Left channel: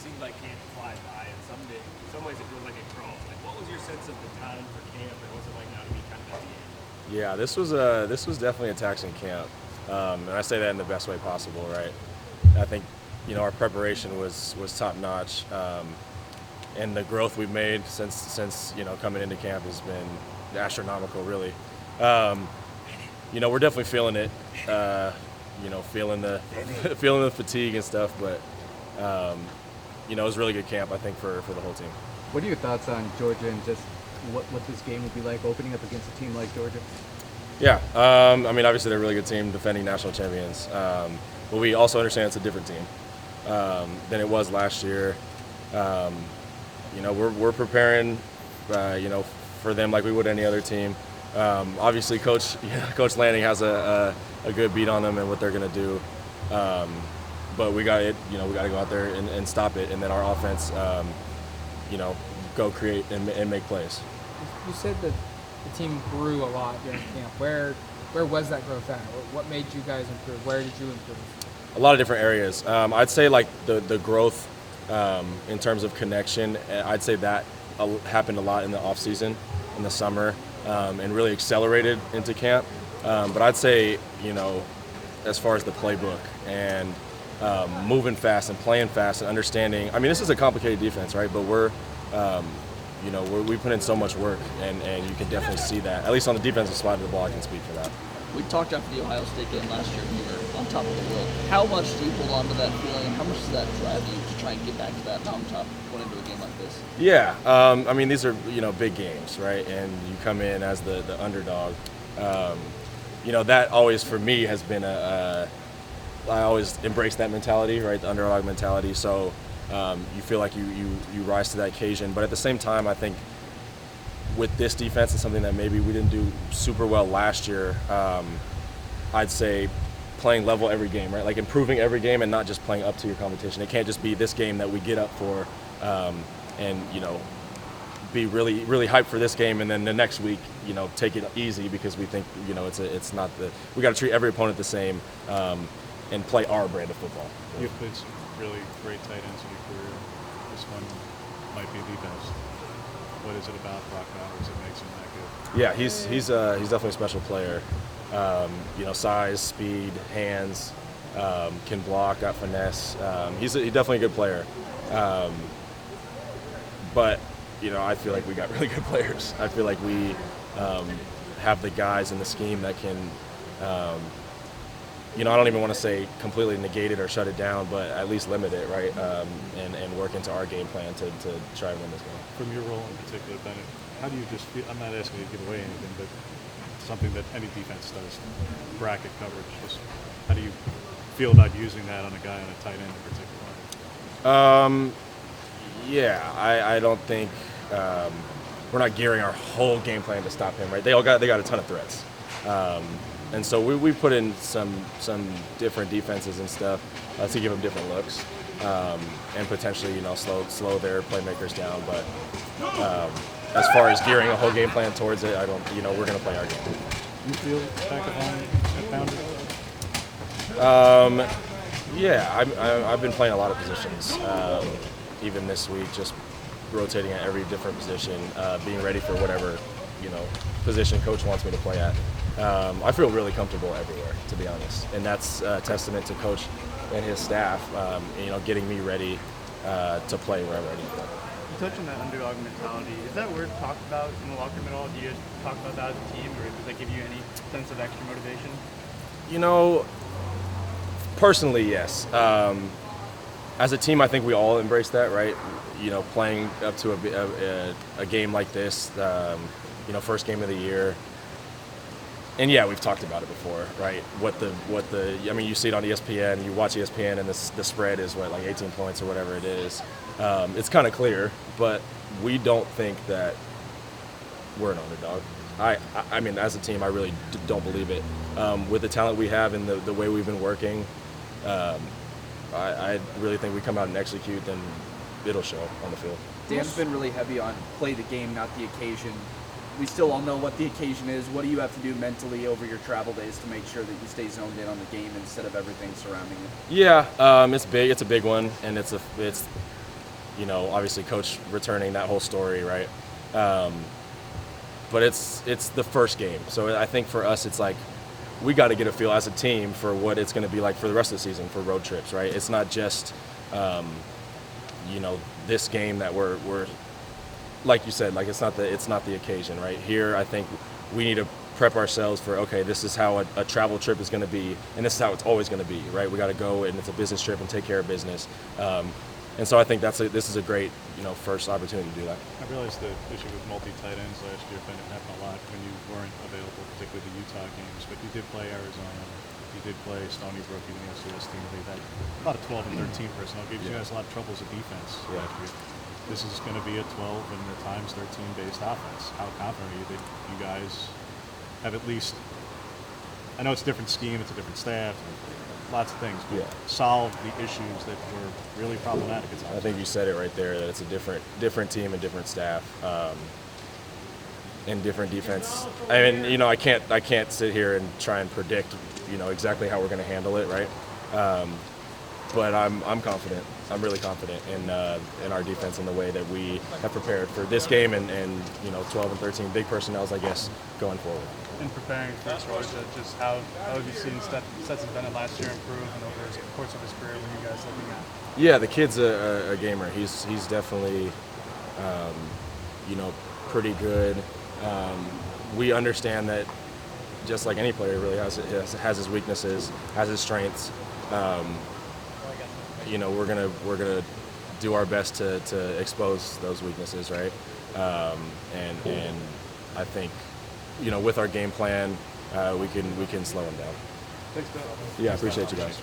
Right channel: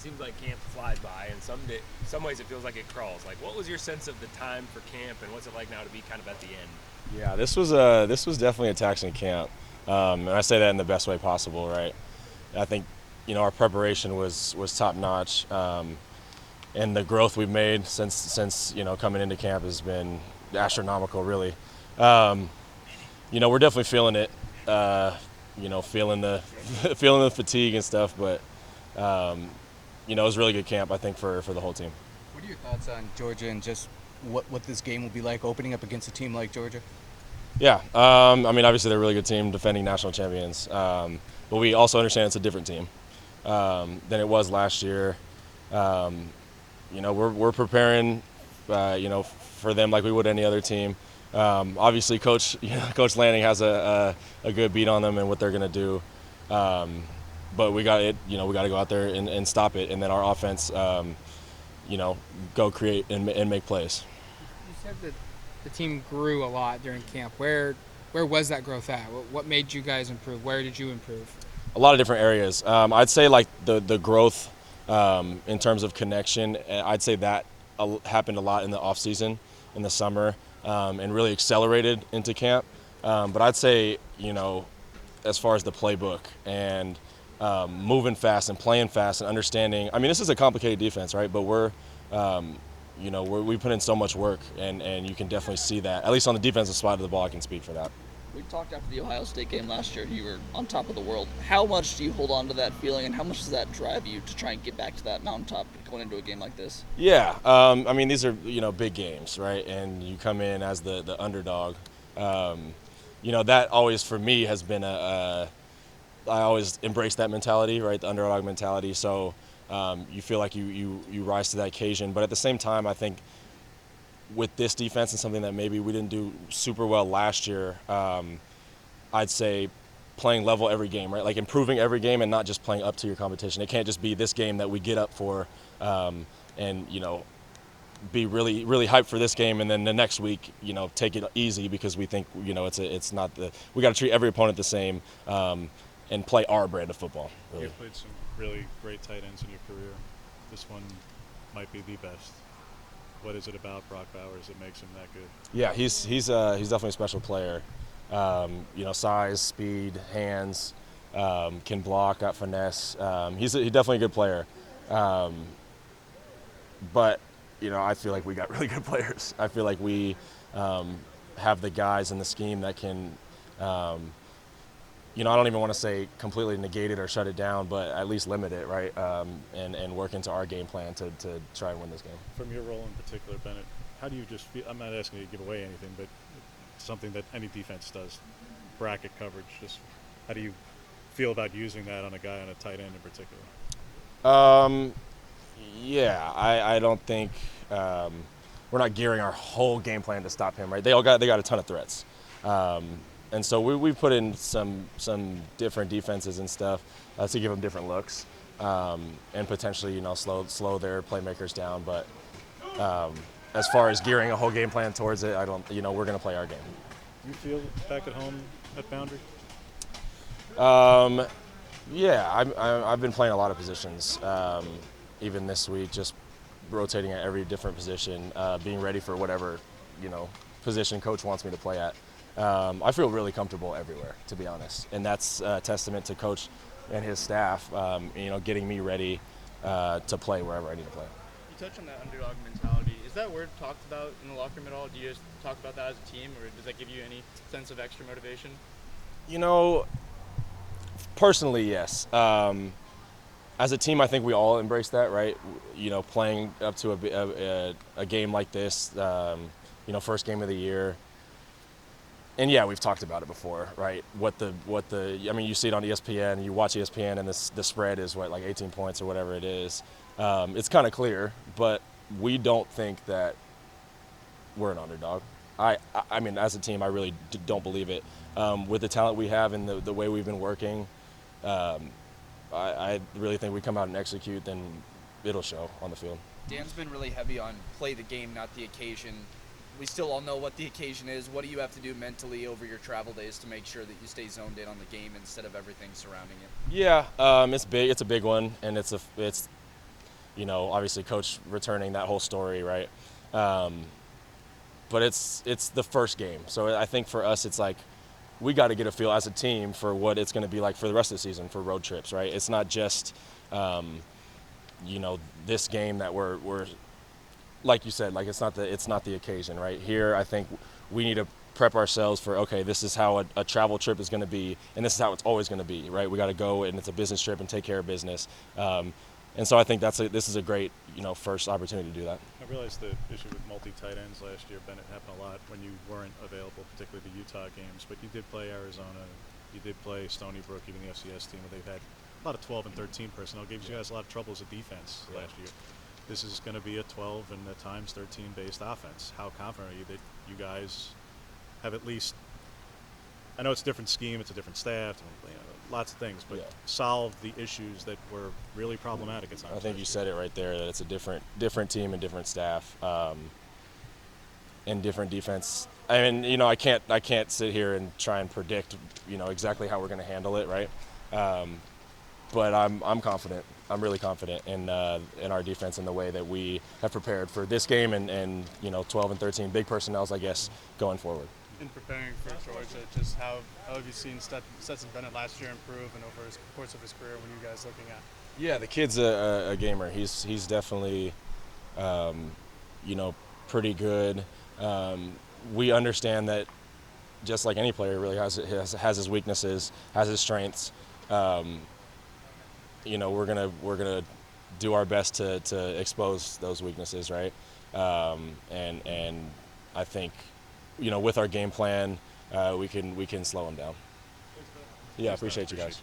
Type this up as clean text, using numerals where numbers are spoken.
seems like camp flies by, and some ways it feels like it crawls. Like, what was your sense of the time for camp, and what's it like now to be kind of at the end? Yeah, this was definitely a taxing camp, and I say that in the best way possible, right? I think our preparation was top notch, and the growth we've made since coming into camp has been astronomical, really. We're definitely feeling it, feeling the feeling the fatigue and stuff, but it was a really good camp, I think, for the whole team. What are your thoughts on Georgia and just what this game will be like opening up against a team like Georgia? Yeah, obviously they're a really good team, defending national champions, but we also understand it's a different team than it was last year. We're preparing, for them like we would any other team. Obviously, Coach Lanning has a good beat on them and what they're going to do. But we got to go out there and stop it, and then our offense, go create and make plays. You said that the team grew a lot during camp. Where was that growth at? What made you guys improve? Where did you improve? A lot of different areas. I'd say like the growth in terms of connection, I'd say that happened a lot in the off season, in the summer, and really accelerated into camp. But I'd say, as far as the playbook and moving fast and playing fast and understanding. I mean, this is a complicated defense, right? But we put in so much work, and you can definitely see that. At least on the defensive side of the ball, I can speak for that. We talked after the Ohio State game last year, and you were on top of the world. How much do you hold on to that feeling, and how much does that drive you to try and get back to that mountaintop going into a game like this? Yeah, these are big games, right? And you come in as the underdog. That always for me has been I always embrace that mentality, right? The underdog mentality. So you feel like you rise to that occasion, but at the same time, I think with this defense and something that maybe we didn't do super well last year, I'd say playing level every game, right? Like improving every game and not just playing up to your competition. It can't just be this game that we get up for and be really, really hyped for this game, and then the next week, take it easy because we think, it's not we got to treat every opponent the same and play our brand of football. You've played some really great tight ends in your career. This one might be the best. What is it about Brock Bowers that makes him that good? Yeah, he's definitely a special player. Size, speed, hands, can block, got finesse. He's definitely a good player. But I feel like we got really good players. I feel like we have the guys in the scheme that can, I don't even want to say completely negate it or shut it down, but at least limit it, right? And work into our game plan to try and win this game. From your role in particular, Bennett, how do you just feel? I'm not asking you to give away anything, but something that any defense does, bracket coverage. Just how do you feel about using that on a guy on a tight end in particular? I don't think we're not gearing our whole game plan to stop him, right? They got a ton of threats, and so we put in some different defenses and stuff to give them different looks and potentially slow their playmakers down. But as far as gearing a whole game plan towards it, I don't. We're going to play our game. You feel effective at boundary? I've been playing a lot of positions. Even this week, just rotating at every different position, being ready for whatever, position coach wants me to play at. I feel really comfortable everywhere, to be honest, and that's a testament to coach and his staff, getting me ready to play wherever I need to play. You touched on that underdog mentality. Is that word talked about in the locker room at all? Do you guys talk about that as a team, or does that give you any sense of extra motivation? Personally, yes. As a team, I think we all embrace that, right? Playing up to a game like this, first game of the year. And yeah, we've talked about it before, right? You see it on ESPN, you watch ESPN, and the spread is like 18 points or whatever it is. It's kind of clear, but we don't think that we're an underdog. I mean, as a team, I really don't believe it. With the talent we have and the way we've been working, I really think we come out and execute, then it'll show on the field. Dan's been really heavy on play the game, not the occasion. We still all know what the occasion is. What do you have to do mentally over your travel days to make sure that you stay zoned in on the game instead of everything surrounding it? Yeah, it's big. It's a big one, and it's obviously coach returning, that whole story, right? But it's the first game, so I think for us it's like we got to get a feel as a team for what it's going to be like for the rest of the season for road trips, right? It's not just this game that we're like you said, like it's not the occasion, right? Here I think we need to prep ourselves for, okay, this is how a travel trip is going to be, and this is how it's always going to be, right? We got to go, and it's a business trip, and take care of business. And so I think this is a great, first opportunity to do that. I realized the issue with multi-tight ends last year, Bennett, happened a lot when you weren't available, particularly the Utah games. But you did play Arizona, you did play Stony Brook, even the FCS team. They had a lot of 12 and 13 personnel. Gave you guys a lot of troubles at defense last year. This is going to be a 12 and at times 13 based offense. How confident are you that you guys have at least, I know it's a different scheme, it's a different staff, lots of things, but solve the issues that were really problematic at times? I think you said it right there, that it's a different team and different staff, and different defense. I mean, I can't sit here and try and predict, exactly how we're going to handle it, right? But I'm confident. I'm really confident in our defense and the way that we have prepared for this game and 12 and 13 big personnels, I guess, going forward. In preparing for Georgia, just how have you seen Stetson Bennett last year improve and over the course of his career? When you guys looking at? Yeah, the kid's a gamer. He's definitely, pretty good. We understand that, just like any player, really has his weaknesses, has his strengths. We're gonna do our best to expose those weaknesses, right? And I think, with our game plan, we can slow him down. Thanks, Bill. Yeah, appreciate you guys.